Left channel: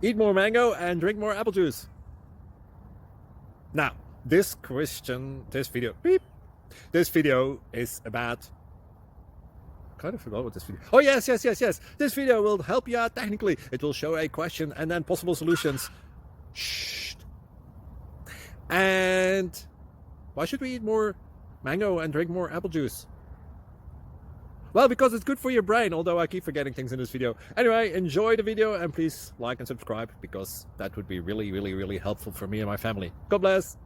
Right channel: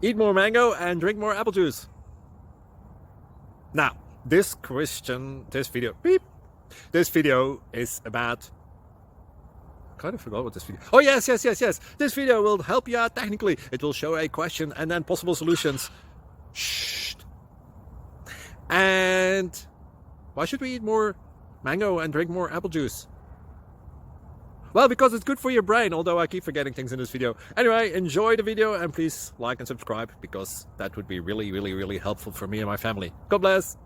Eat more mango and drink more apple juice. Now, this video is about, I kind of forgot what this video. Oh, yes. This video will help you out technically. It will show a question and then possible solutions. Shh. And why should we eat more mango and drink more apple juice? Well, because it's good for your brain, although I keep forgetting things in this video. Anyway, enjoy the video and please like and subscribe, because that would be really helpful for me and my family. God bless!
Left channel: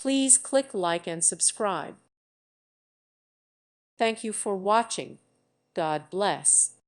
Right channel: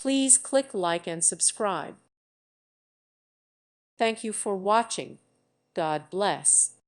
Please click like and subscribe. Thank you for watching. God bless.